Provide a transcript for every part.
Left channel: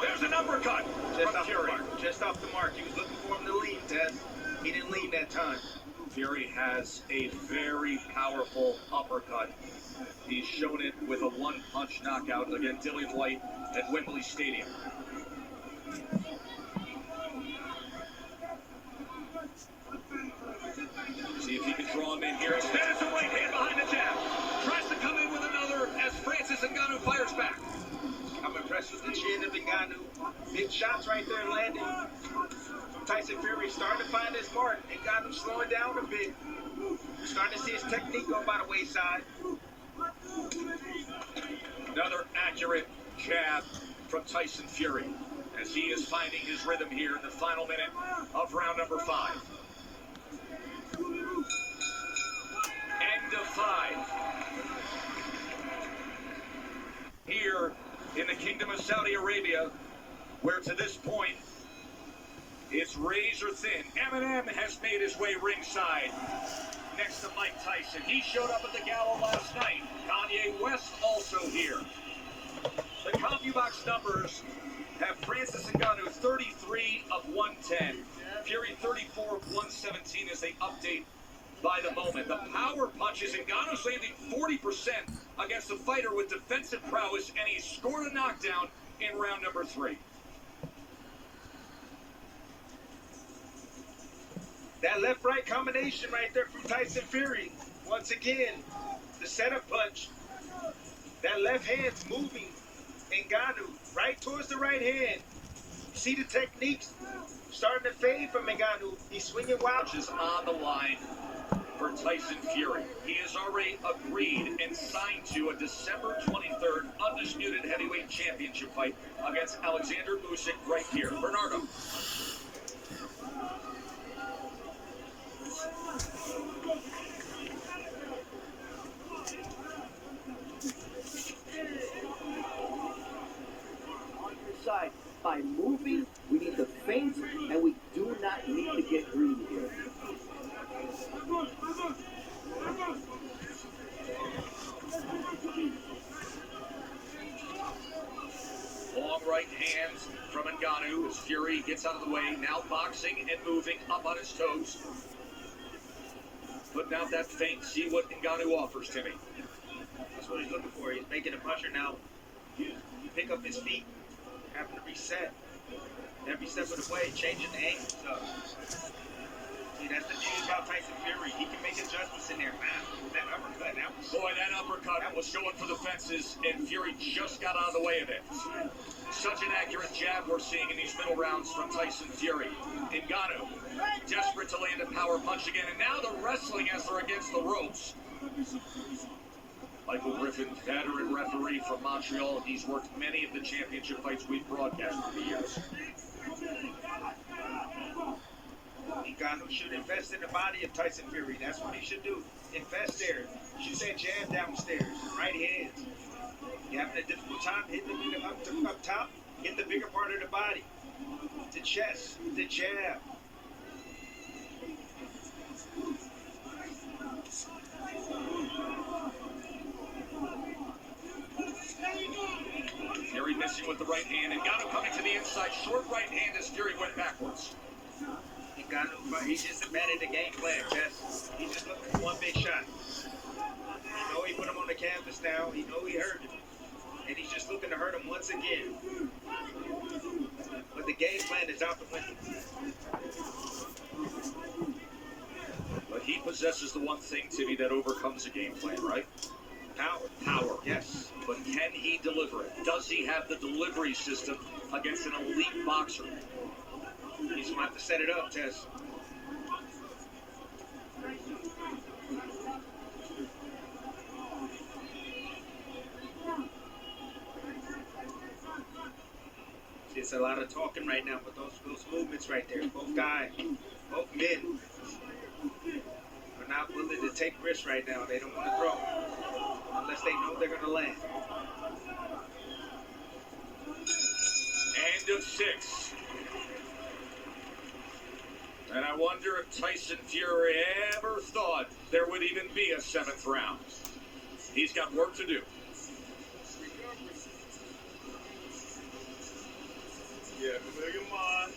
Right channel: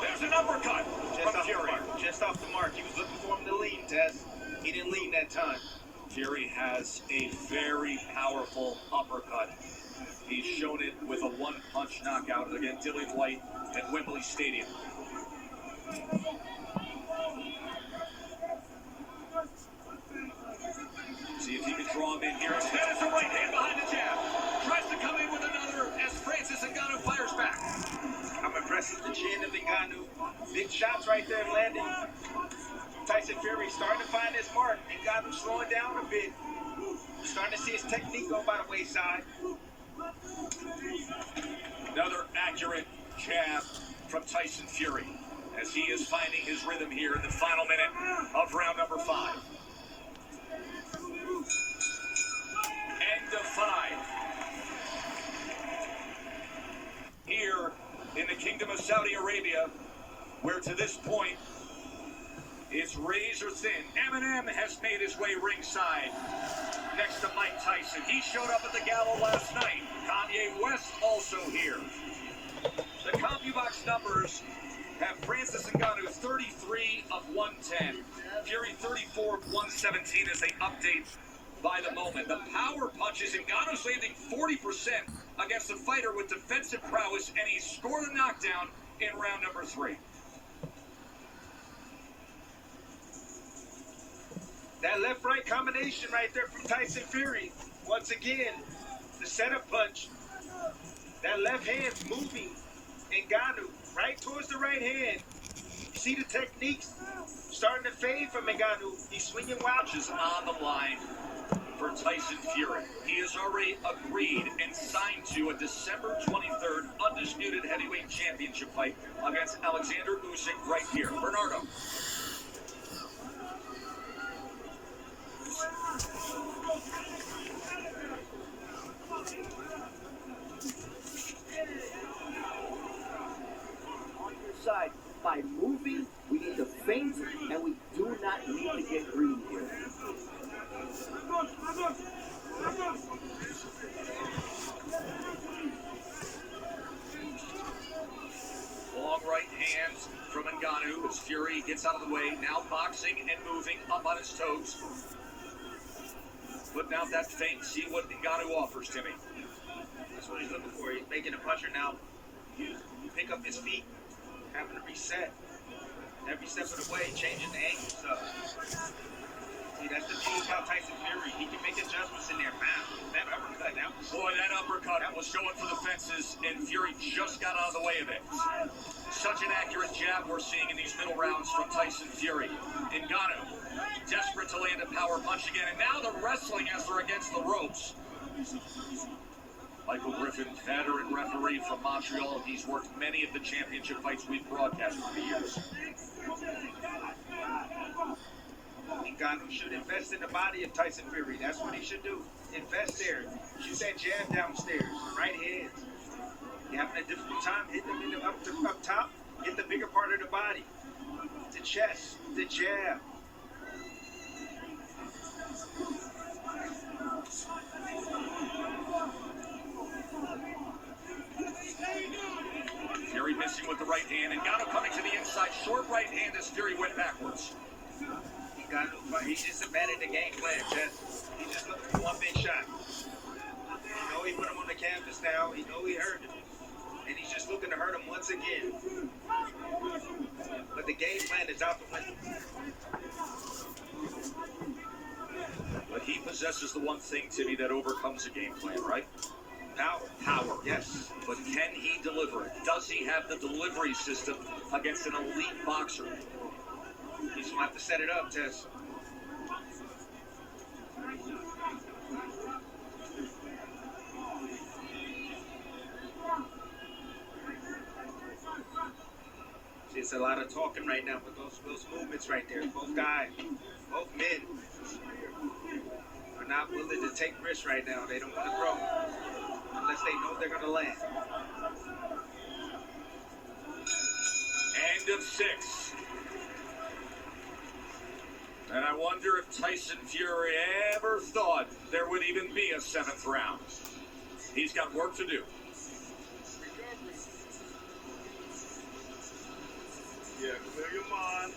There's an uppercut from Fury. Just off the mark. He was looking for him to lean, Tess. He didn't lean that time. Fury has a very powerful uppercut. He's shown it with a one-punch knockout against Dillian White at Wembley Stadium. See if he can draw him in here. Instead, it's a right hand behind the jab. Tries to come in with another as Francis Ngannou fires back. I'm impressed with the chin of Ngannou. Big shots right there landing. Tyson Fury starting to find his mark. Ngannou slowing down a bit. Starting to see his technique go by the wayside. Another accurate jab from Tyson Fury as he is finding his rhythm here in the final minute of round number 5. End of 5. Here in the Kingdom of Saudi Arabia, where to this point it's razor thin. Eminem has made his way ringside next to Mike Tyson. He showed up at the gala last night. Kanye West also here. The CompuBox numbers have Francis Ngannou 33 of 110. Fury 34 of 117 as they update by the moment. The power punches, Ngannou's landing 40% against a fighter with defensive prowess, and he scored a knockdown in round number 3. That left-right combination right there from Tyson Fury. Once again, the setup punch. That left hand's moving. Ngannou right towards the right hand. You see the techniques starting to fade from Ngannou. He's swinging wild. Punches on the line for Tyson Fury. He has already agreed and signed to a December 23rd undisputed heavyweight championship fight against Alexander Usyk right here. Bernardo. On your side, by moving, we need to feint, and we do not need to get greedy here. Long right hand from Ngannou as Fury gets out of the way. Now boxing and moving up on his toes. Putting out that feint. See what Ngannou offers, Timmy. That's what he's looking for. He's making a puncher now. Pick up his feet, having to reset. Every step of the way, changing the angle stuff. See, that's the thing about Tyson Fury. He can make adjustments in there. Man, that uppercut, that uppercut was showing for the fences, and Fury just got out of the way of it. Such an accurate jab we're seeing in these middle rounds from Tyson Fury. Ngannou, desperate to land a power punch again, and now the wrestling as they're against the ropes. Michael Griffin, veteran referee from Montreal. He's worked many of the championship fights we've broadcast for years. Ngannou should invest in the body of Tyson Fury. That's what he should do. Invest there. Shoot that jab downstairs. Right hand. You're having a difficult time hitting the bigger up top. Hit the bigger part of the body. The chest. The jab. Fury missing with the right hand. Ngannou coming to the inside. Short right hand as Fury went backwards. He's just a man at the game plan, Tess. He's just looking for one big shot. You know he put him on the canvas now. You know he hurt him. And he's just looking to hurt him once again. But the game plan is out the window. But he possesses the one thing, Timmy, that overcomes a game plan, right? Power. Yes. But can he deliver it? Does he have the delivery system against an elite boxer? He's going to have to set it up, Tess. See, it's a lot of talking right now, but those movements right there, both guys, both men are not willing to take risks right now. They don't want to throw unless they know they're going to land. End of 6. And I wonder if Tyson Fury ever thought there would even be a 7th round. He's got work to do. that. Clear your mind.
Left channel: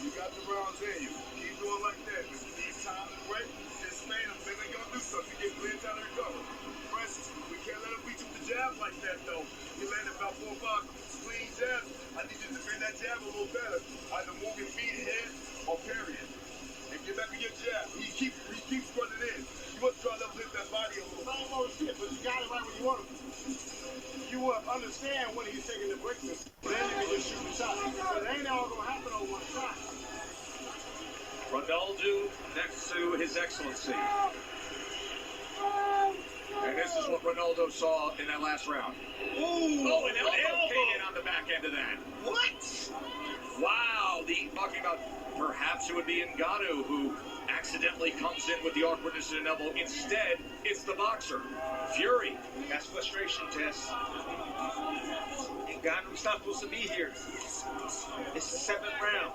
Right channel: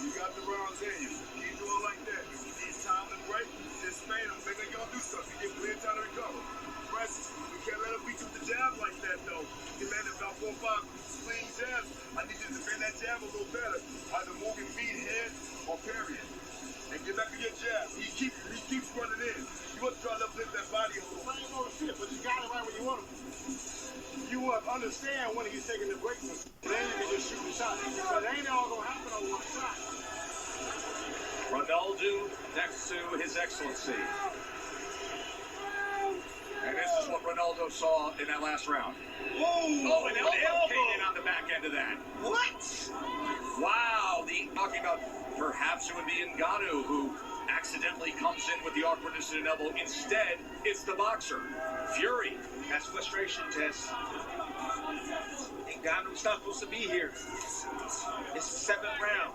You got the rounds in you. Keep doing like that. If you need time to break, just stay them. Then they gonna do something. You get clear time to recover. Press, we can't let them beat you with the jab like that, though. You landed about 4 or 5 clean jabs. I need you to bend that jab a little better. Either move your feet, head, or parry it. And get back to your jab. He keeps running in. You must try to lift that body a little. Same old shit, but you got it right when you want him. You understand when he's taking the break. Then you can just shoot a shot. But it ain't all gonna happen on one shot. Ronaldo next to His Excellency. And this is what Ronaldo saw in that last round. Ooh, And an elbow came in on the back end of that. What? Wow, talking about perhaps it would be Ngannou who accidentally comes in with the awkwardness in an elbow. Instead, it's the boxer, Fury. That's frustration, Tess. Ngannou's not supposed to be here. It's the 7th round.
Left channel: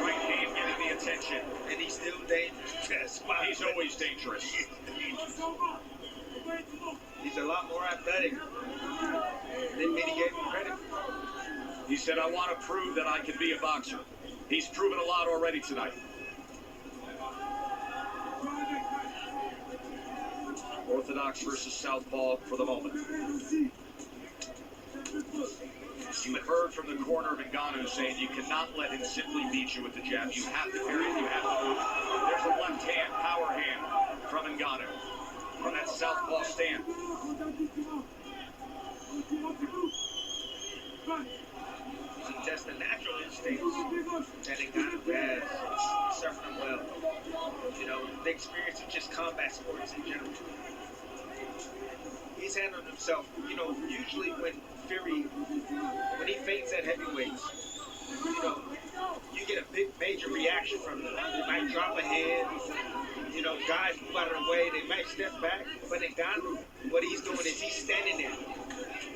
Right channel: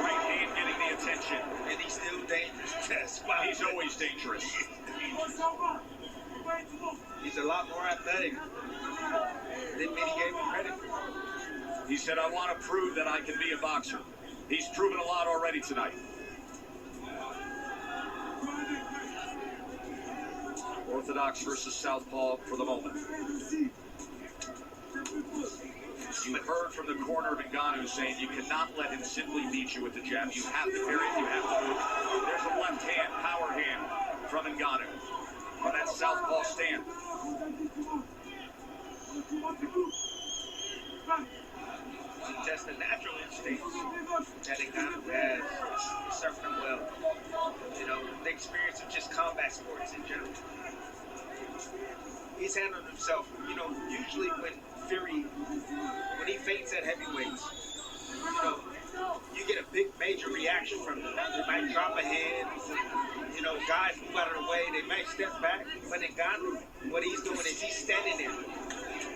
Right hand getting the attention. And he's still dangerous, Tess. Wow. He's always dangerous. He's a lot more athletic than many gave him credit. He said, I want to prove that I can be a boxer. He's proven a lot already tonight. Orthodox versus Southpaw for the moment. You heard from the corner of Ngannou saying you cannot let him simply beat you with the jab. You have to parry it, you have to move. There's a left hand, power hand from Ngannou on that Southpaw stand. That's the natural instincts that Ngannou has. It's serving him well. You know, the experience of just combat sports in general. He's handled himself. You know, usually when he fights at heavyweights, you know, you get a big major reaction from them. They might drop a head. You know, guys move out of the way. They might step back. But Ngannou, what he's doing is he's standing there.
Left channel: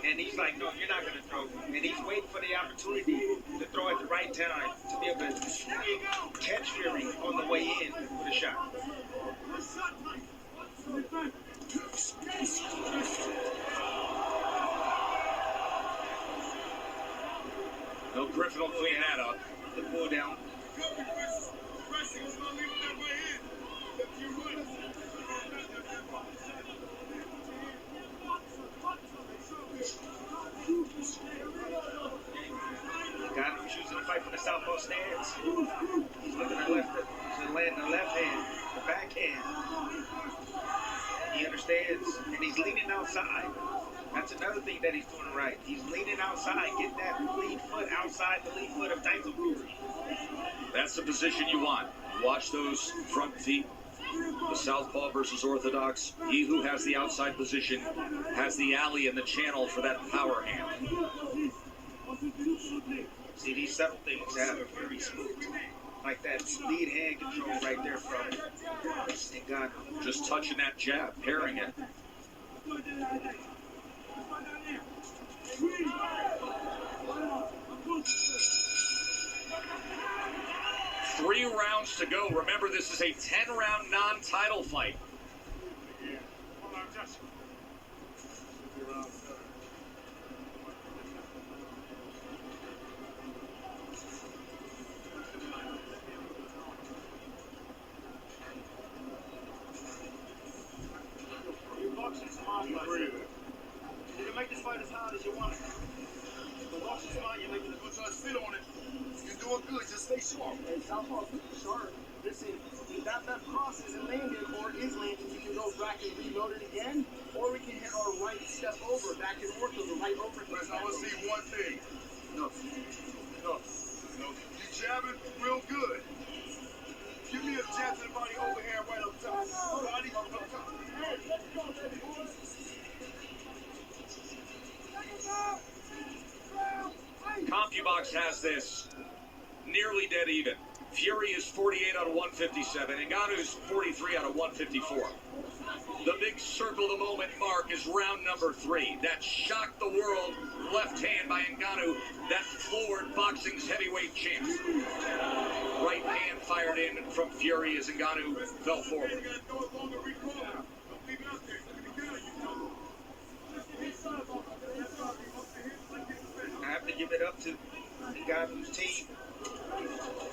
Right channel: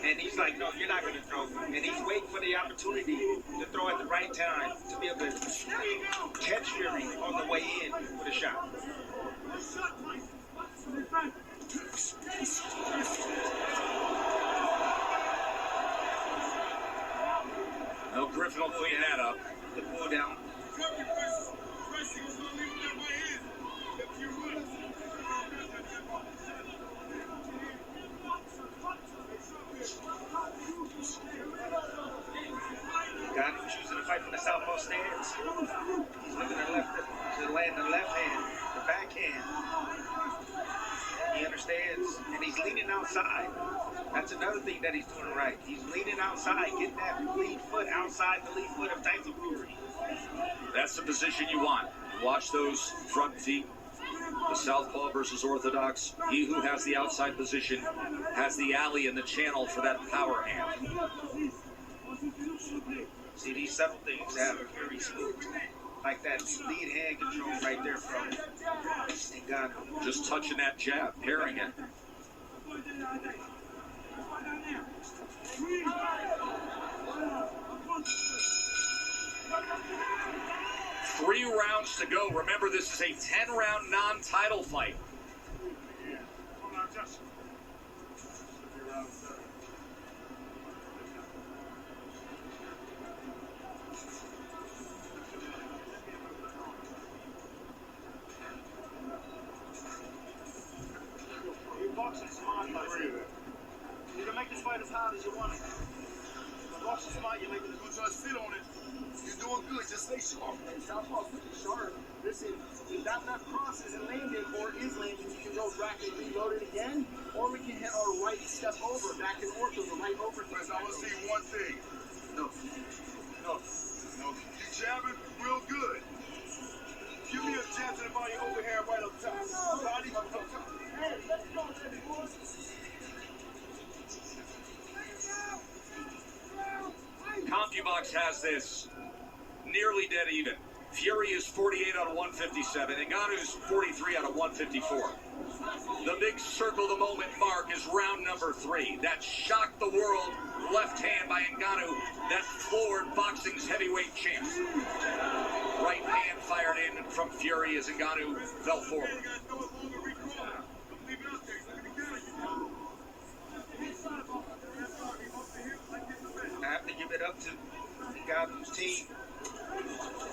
And he's like, no, you're not going to throw. And he's waiting for the opportunity to throw at the right time to be able to catch Fury on the way in with a shot. No, Griffin will clean that up. The pull down. Ngannou's choosing to fight from the southpaw stance. He's looking to land the left hand, the backhand. He understands, and he's leaning outside. That's another thing that he's doing right. He's leaning outside, getting that lead foot outside the lead foot of Tyson Fury. That's the position you want. Watch those front feet. The Southpaw versus Orthodox. He who has the outside position has the alley and the channel for that power hand. See, these subtle things have Fury spooked. Like that lead hand control right there from Ngannou. Just touching that jab, pairing it. 3 rounds to go. Remember, this is a 10-round non-title fight. You can make this fight as hard as you want it. But watch this fight, you're making it good, try to spit on it. You're doing good, just stay sharp. And Southpaw's pretty sharp. Listen, if that left cross isn't landed or is landing, we can go back and reload it again, or we can hit our right step over, back in ortho, the right over. Listen, I want to see one thing. No. You jabbing real good. Give me a jab to the body overhand right up top. Body up top. CompuBox has this nearly dead even. Fury is 48 out of 157. Ngannou's 43 out of 154. The big circle the moment mark is round number 3. That shocked the world left hand by Ngannou that floored boxing's heavyweight champ. Right hand fired in from Fury as Ngannou fell forward. out to Ngannou's team.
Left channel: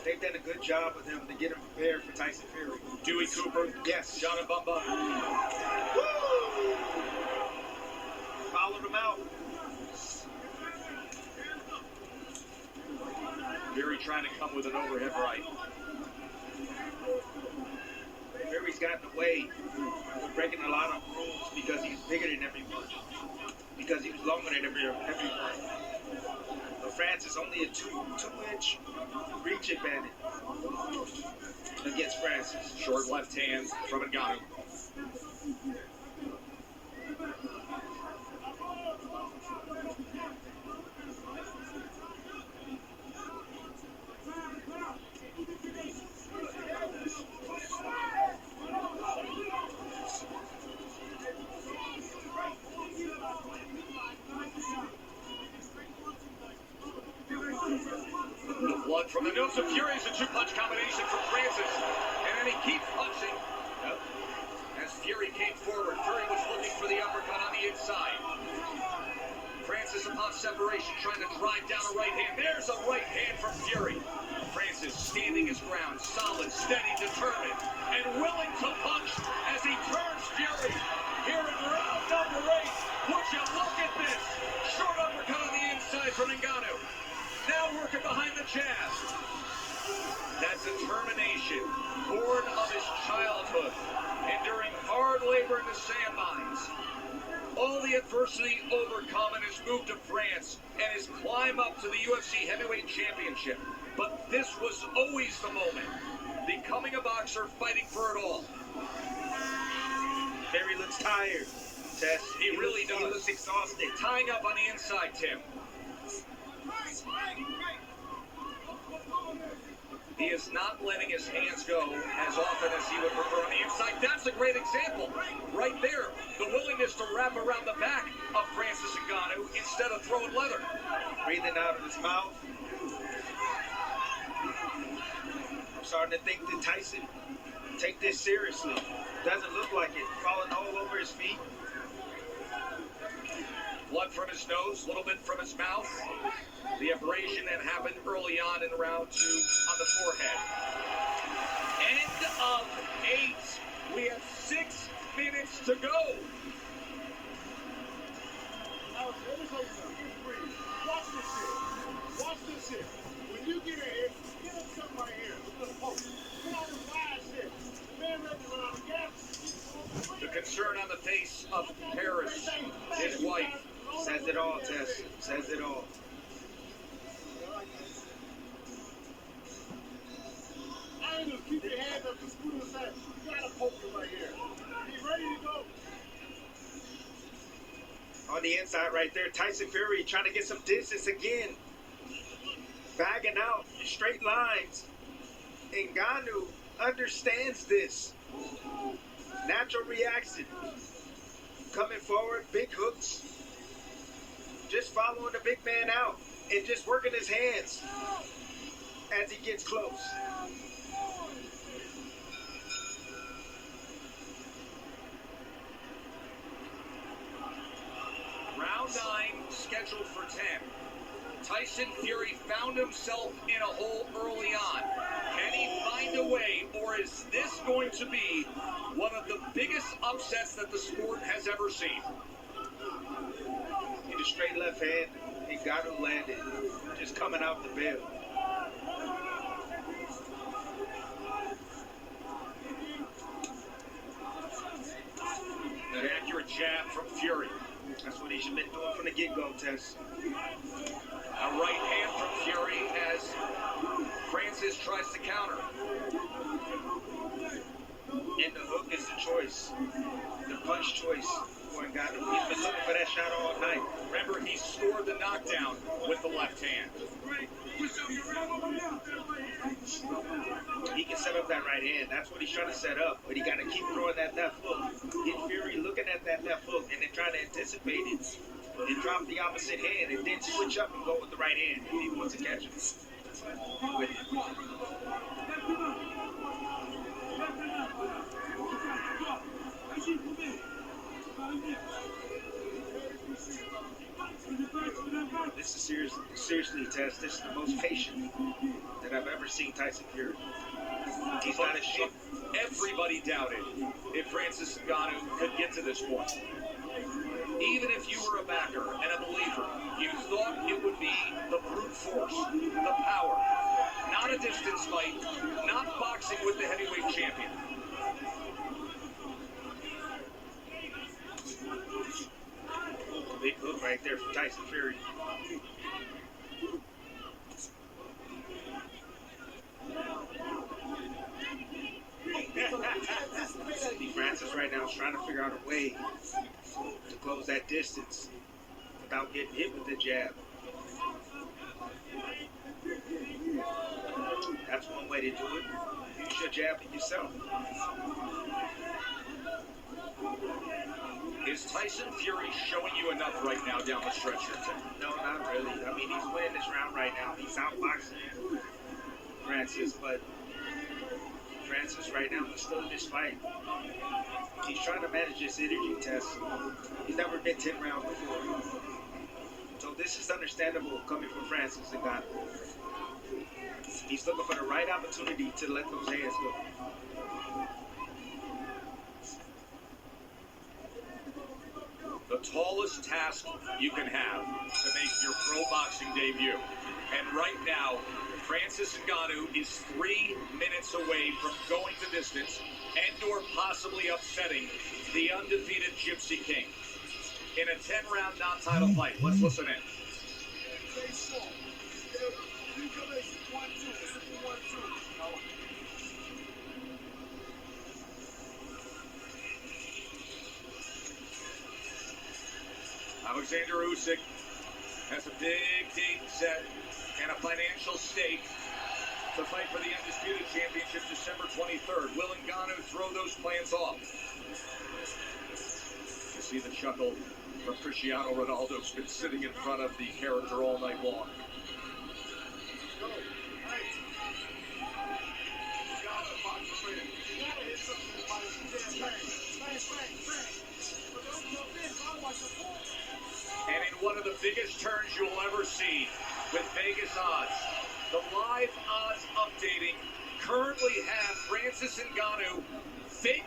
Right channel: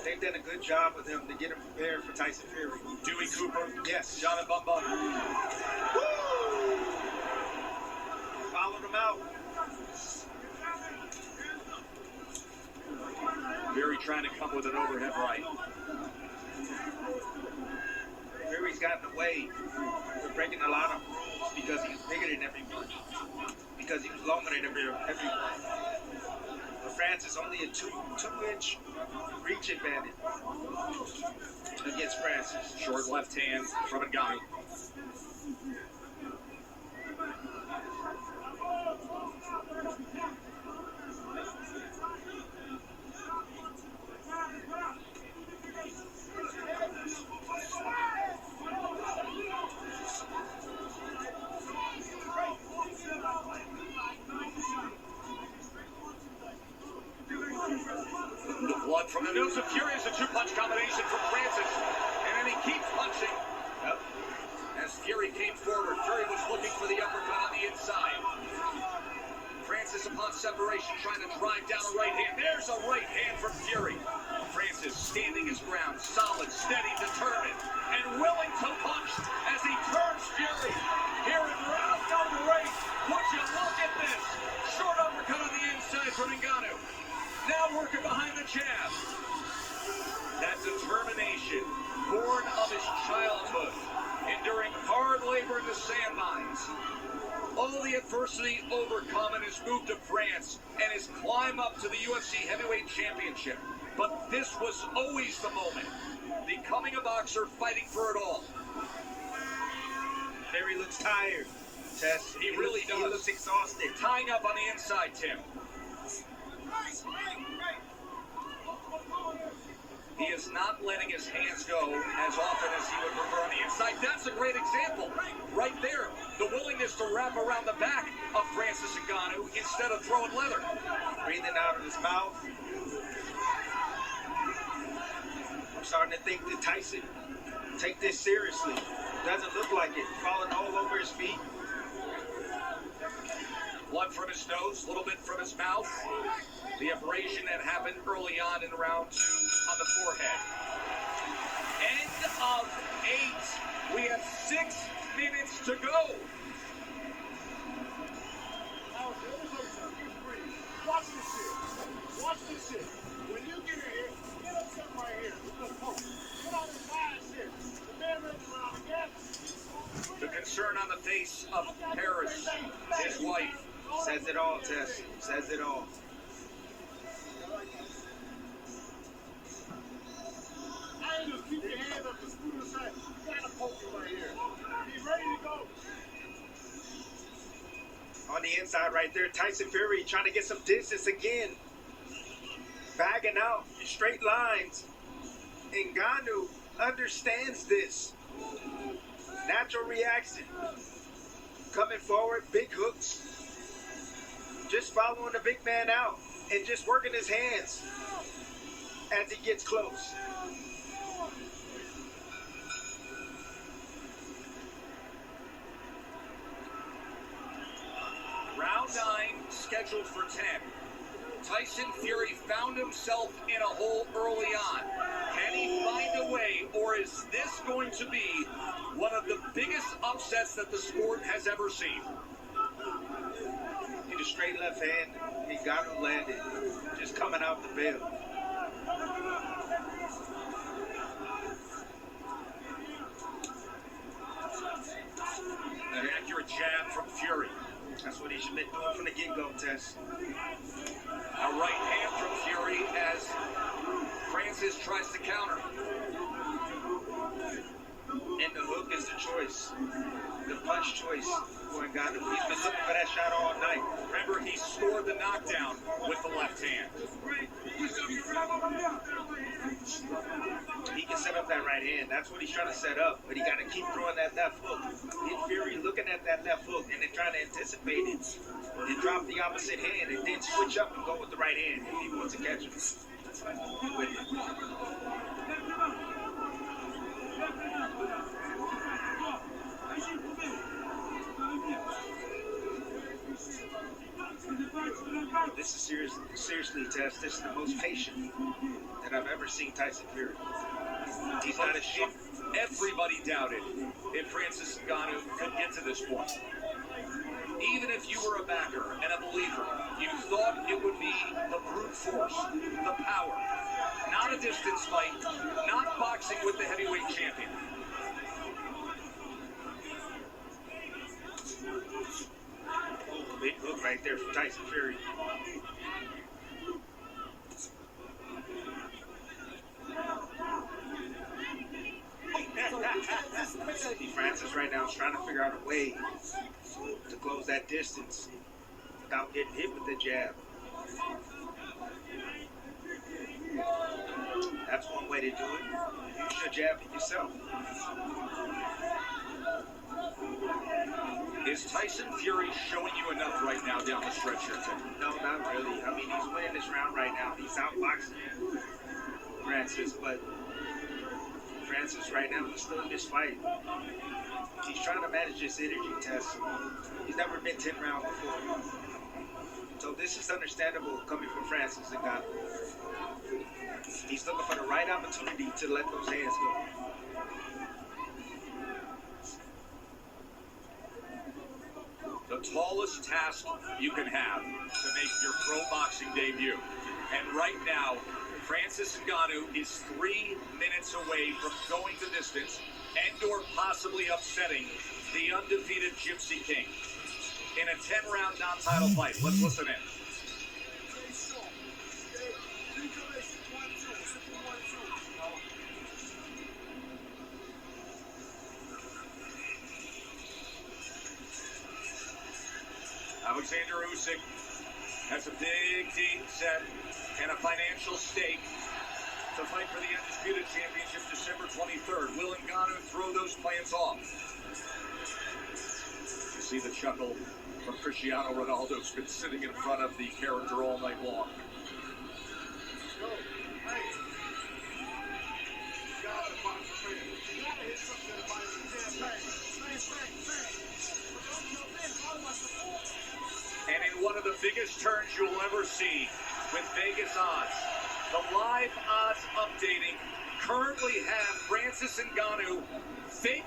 They've done a good job with him to get him prepared for Tyson Fury. Dewey Cooper. Yes. John Bumba. Woo! Followed him out. Fury trying to come with an overhead right. Fury's gotten away with breaking a lot of rules because he's bigger than everyone. Because he was longer than everyone. But Francis only a two-inch reach advantage against Francis. Short left hand from Ngannou. The blood from the nose of Fury is a two-punch combination from Francis. And then he keeps punching. Yep. As Fury came forward, Fury was looking for the uppercut on the inside. Francis, upon separation, trying to drive down a right hand. There's a right hand from Fury. Francis standing his ground, solid, steady, determined, and willing to punch as he turns Fury. Here in round number 8, would you look at this? Short uppercut on the inside from Ngannou. Now working behind the jab. That determination, born of his childhood, enduring hard labor in the sand mines. All the adversity overcome and his move to France and his climb up to the UFC Heavyweight Championship. But this was always the moment. Becoming a boxer, fighting for it all. Fury looks tired. Tess. He really does. He looks exhausted. Tying up on the inside, Tim. He is not letting his hands go as often as he would prefer on the inside. That's a great example. Right there. The willingness to wrap around the back of Francis Ngannou instead of throwing leather. Breathing out of his mouth. I'm starting to think that Tyson take this seriously. Doesn't look like it. Falling all over his feet. Blood from his nose, a little bit from his mouth. The abrasion that happened early on in round 2 on the forehead. End of 8. We have 6 minutes to go. Watch this shit. Watch this shit. When you get in here, get up something right here. Put on this wide shit. The man runs around again. The concern on the face of Paris, his wife. Says it all, Tess. Says it all. I ain't gonna keep your hands up the screw side. You gotta poke him right here. He's ready to go. On the inside right there, Tyson Fury trying to get some distance again. Bagging out straight lines. Ngannou understands this. Natural reaction. Coming forward, big hooks. Just following the big man out and just working his hands as he gets close. Round 9 scheduled for 10. Tyson Fury found himself in a hole early on. Can he find a way, or is this going to be one of the biggest upsets that the sport has ever seen? Hit a straight left hand. Ngannou landed. Just coming out the bell. An accurate jab from Fury. That's what he should have been doing from the get-go, Tess. A right hand from Fury as Francis tries to counter. And the hook is the choice. The punch choice for Ngannou. He's been looking for that shot all night. Remember, he scored the knockdown with the left hand. He can set up that right hand. That's what he's trying to set up. But he got to keep throwing that left hook. Get Fury looking at that left hook and then trying to anticipate it. Then drop the opposite hand and then switch up and go with the right hand if he wants to catch him. With it. This is seriously, Tess. This is the most patient that I've ever seen Tyson Fury. He's not a shit. Everybody doubted if Francis Ngannou could get to this point. Even if you were a backer and a believer, you thought it would be the brute force, the power, not a distance fight, not boxing with the heavyweight champion. Big hook right there from Tyson Fury. Francis right now is trying to figure out a way to close that distance without getting hit with the jab. That's one way to do it. Use your jab with yourself. Is Tyson Fury showing you enough right now down the stretch here, Tim? No, not really. I mean, he's winning this round right now. He's outboxing Francis, but Francis right now is still in this fight. He's trying to manage his energy test. He's never been 10 rounds before. So this is understandable coming from Francis Ngannou. He's looking for the right opportunity to let those hands go. The tallest task you can have to make your pro boxing debut. And right now, Francis Ngannou is 3 minutes away from going the distance and or possibly upsetting the undefeated Gypsy King in a 10-round non-title fight. Let's listen in. Alexander Usyk has a big date set and a financial stake to fight for the Undisputed Championship December 23rd. Will Ngannou throw those plans off? You see the chuckle from Cristiano Ronaldo, who's been sitting in front of the character all night long. And in one of the biggest turns you'll ever see with Vegas odds, the live odds updating currently have Francis Ngannou fake.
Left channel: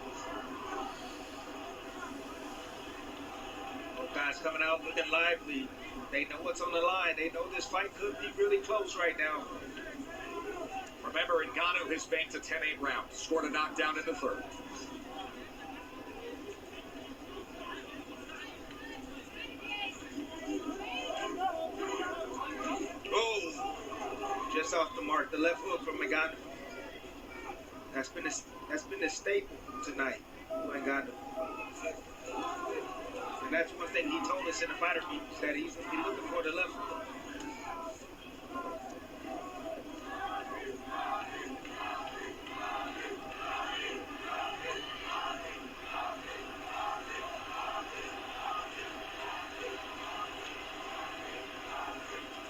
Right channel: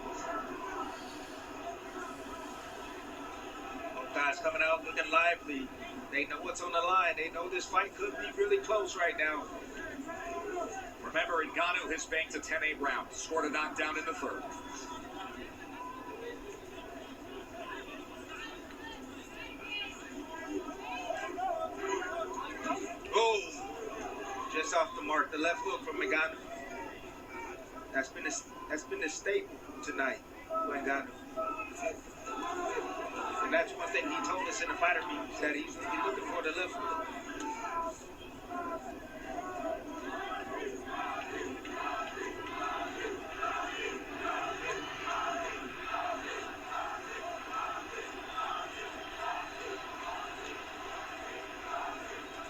Both guys coming out looking lively. They know what's on the line. They know this fight could be really close right now. Remember, Ngannou has banked a 10-8 round, scored a knockdown in the third. Oh, just off the mark. The left hook from Ngannou. That's been a staple tonight for Ngannou. And that's one thing he told us in the fighter meetings, that he's looking for the left hook.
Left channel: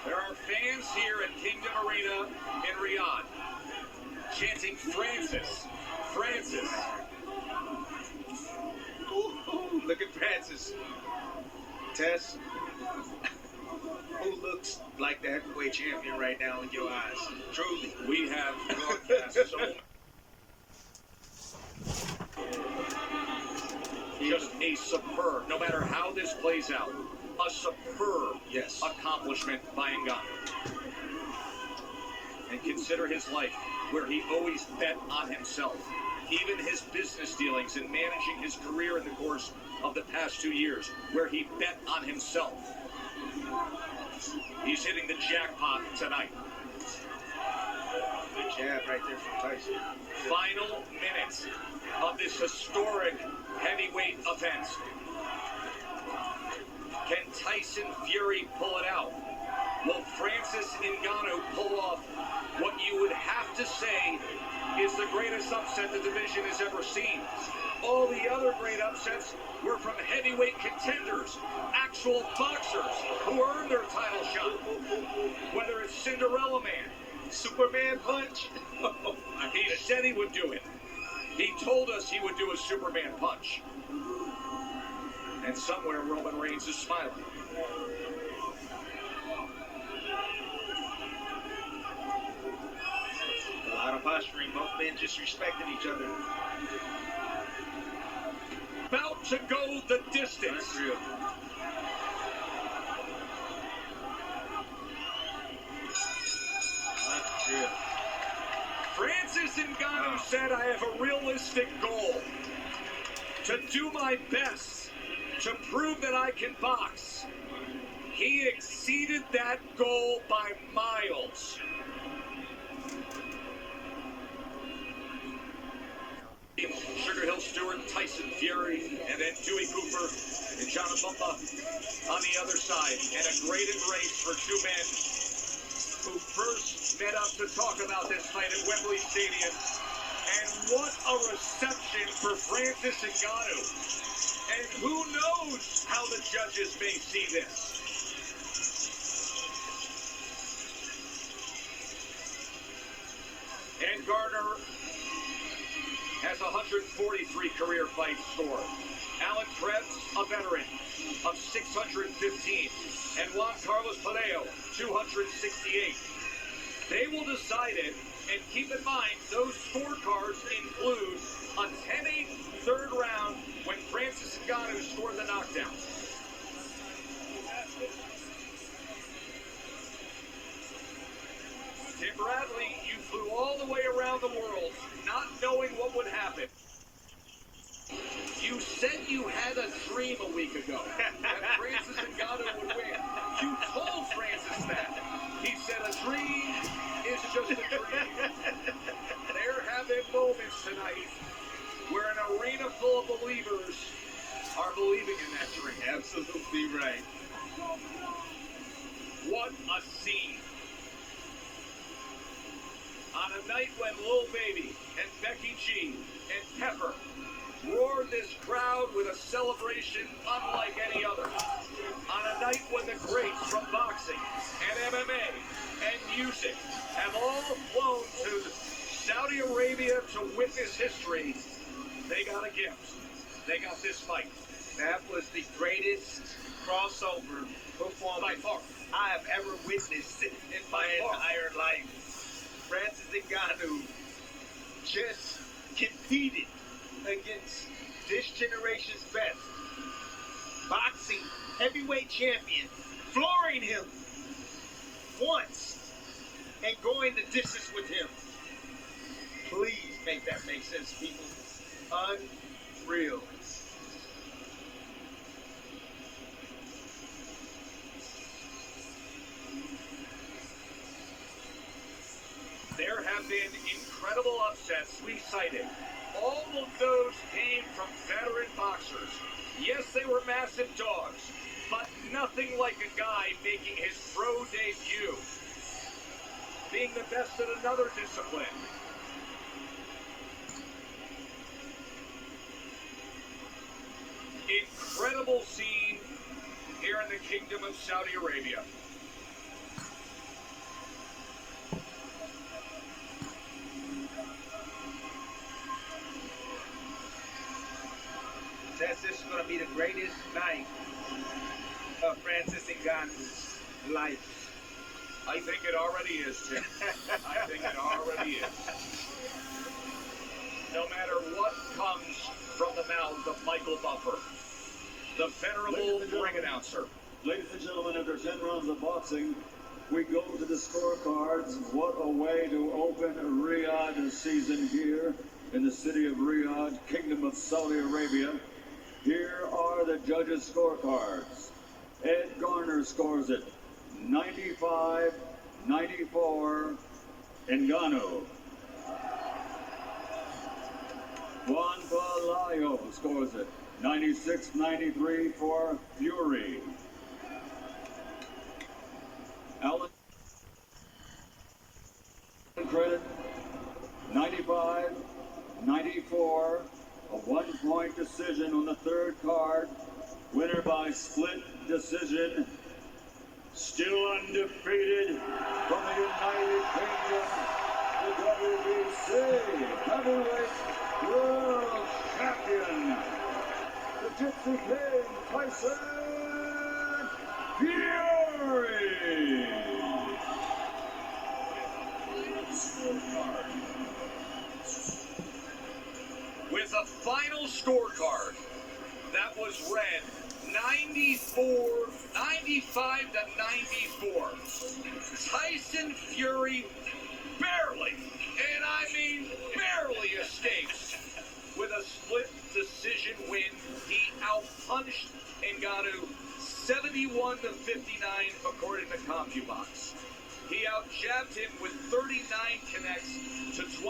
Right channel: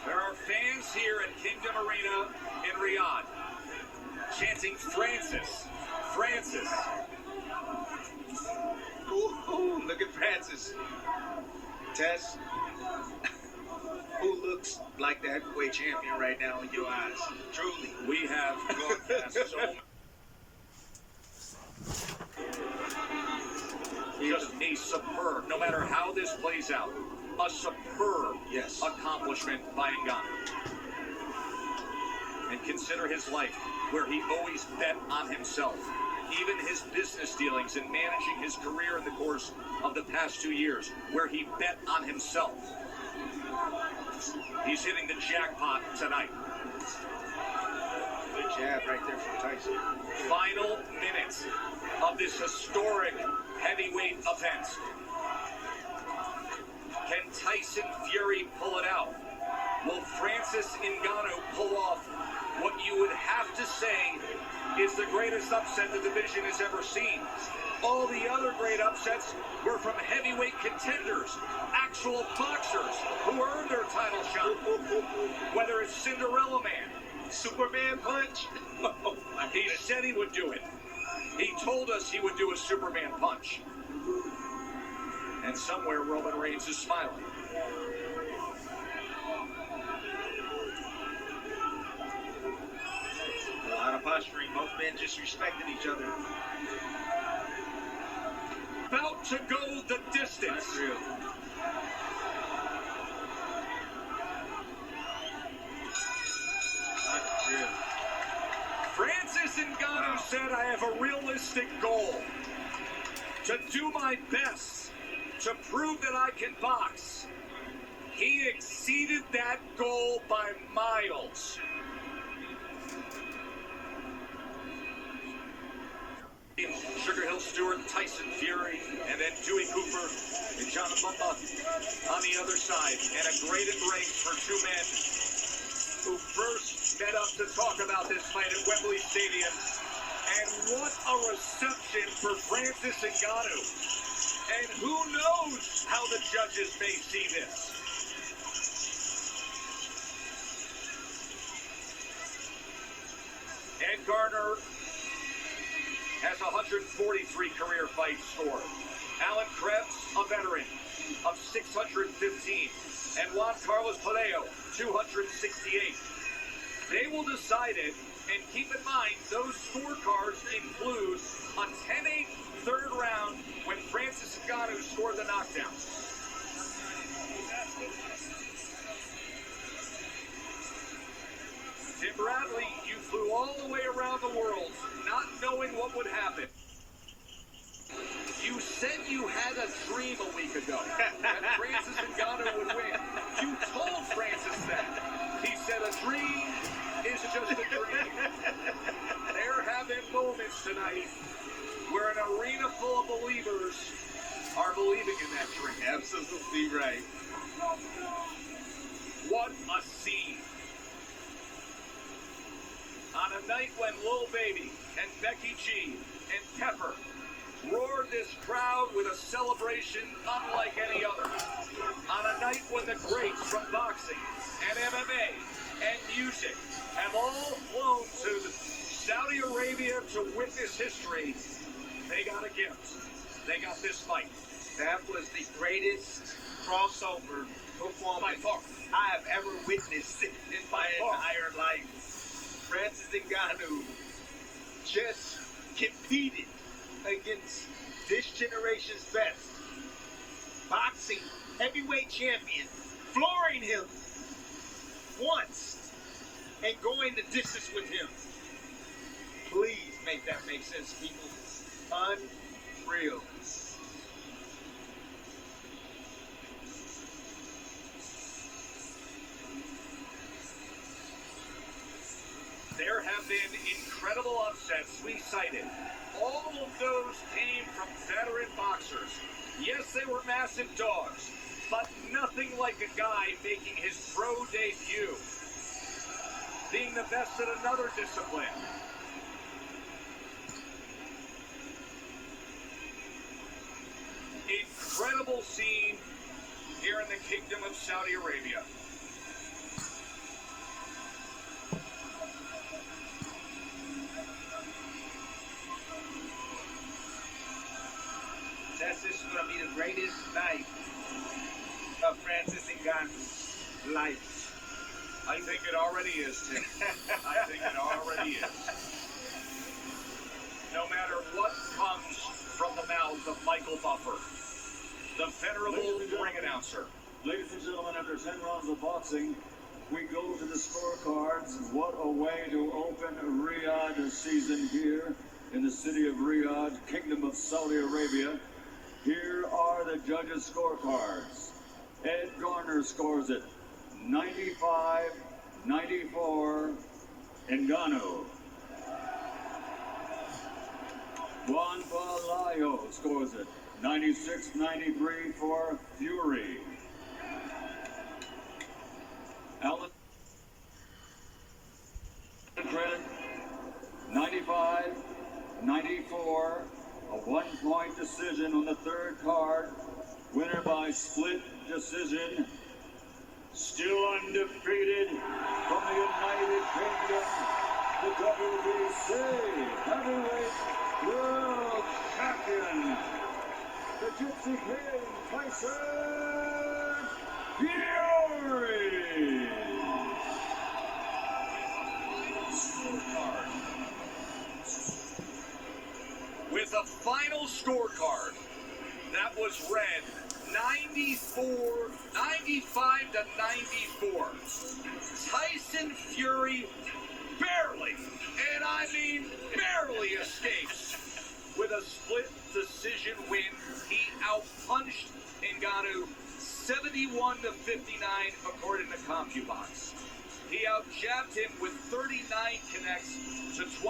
There are fans here at Kingdom Arena in Riyadh chanting Francis, Francis. Ooh, look at Francis. Tess, who looks like the heavyweight champion right now in your eyes? Truly. We have broadcast so just a superb, no matter how this plays out, a superb accomplishment by Ngannou. And consider his life, where he always bet on himself. Even his business dealings and managing his career in the course of the past 2 years, where he bet on himself. He's hitting the jackpot tonight. Good jab right there from Tyson. Final minutes of this historic heavyweight event. Can Tyson Fury pull it out? Will Francis Ngannou pull off what you would have to say is the greatest upset the division has ever seen? All the other great upsets were from heavyweight contenders, actual boxers who earned their title shot. Whether it's Cinderella Man, Superman punch. he said he would do it. He told us he would do a Superman punch. And somewhere Roman Reigns is smiling. posturing. Both men just respecting each other. About to go the distance. Unreal. Unreal. Francis Ngannou said, I have a realistic goal. To do my best. To prove that I can box. He exceeded that goal by miles. Sugar Hill Stewart, Tyson Fury, and then Dewey Cooper and John Bumba on the other side. And a great embrace for two men who first met up to talk about this fight at Wembley Stadium. And what a reception for Francis Ngannou. And who knows how the judges may see this. And Garner has 143 career fights scored. Alan Krebs, a veteran of 615. And Juan Carlos Palacio, 268. They will decide it, and keep in mind, those scorecards include a 10-8 third round when Francis Ngannou scored the knockdown. Tim Bradley, you flew all the way around the world, not knowing what would happen. You said you had a dream a week ago that Francis Ngannou would win. You told Francis that. He said a dream is just a dream. They're having moments tonight where an arena full of believers are believing in that dream. Absolutely right. What a scene. On a night when Lil Baby and Becky G and Pepper roared this crowd with a celebration unlike any other. On a night when the greats from boxing and MMA and music have all flown to Saudi Arabia to witness history, they got a gift. They got this fight. That was the greatest crossover performance By far. I have ever witnessed in my entire life. Francis Ngannou just competed against this generation's best. Boxing heavyweight champion, flooring him once and going the distance with him. Please make that make sense, people. Unreal. There have been incredible upsets we cited. All of those came from veteran boxers. Yes, they were massive dogs, but nothing like a guy making his pro debut, being the best at another discipline. Incredible scene here in the Kingdom of Saudi Arabia. This is going to be the greatest night of Francis Ngannou's life. I think it already is, Tim. I think it already is. No matter what comes from the mouth of Michael Buffer, the venerable ring announcer. Ladies and gentlemen, after 10 rounds of boxing, we go to the scorecards. What a way to open Riyadh season here in the city of Riyadh, Kingdom of Saudi Arabia. Here are the judges' scorecards. Ed Garner scores it 95-94, Ngannou. Juan Palacio scores it 96-93 for Fury. Alan credit 95-94. A one-point decision on the third card. Winner by split decision. Still undefeated from the United Kingdom. The WBC Heavyweight World Champion. The Gypsy King, Tyson Fury. Scorecard. final scorecard that was read 95 to 94. Tyson Fury barely, and I mean barely, escapes with a split decision win. He outpunched Ngannou 71 to 59 according to CompuBox. He outjabbed him with 39 connects to 20.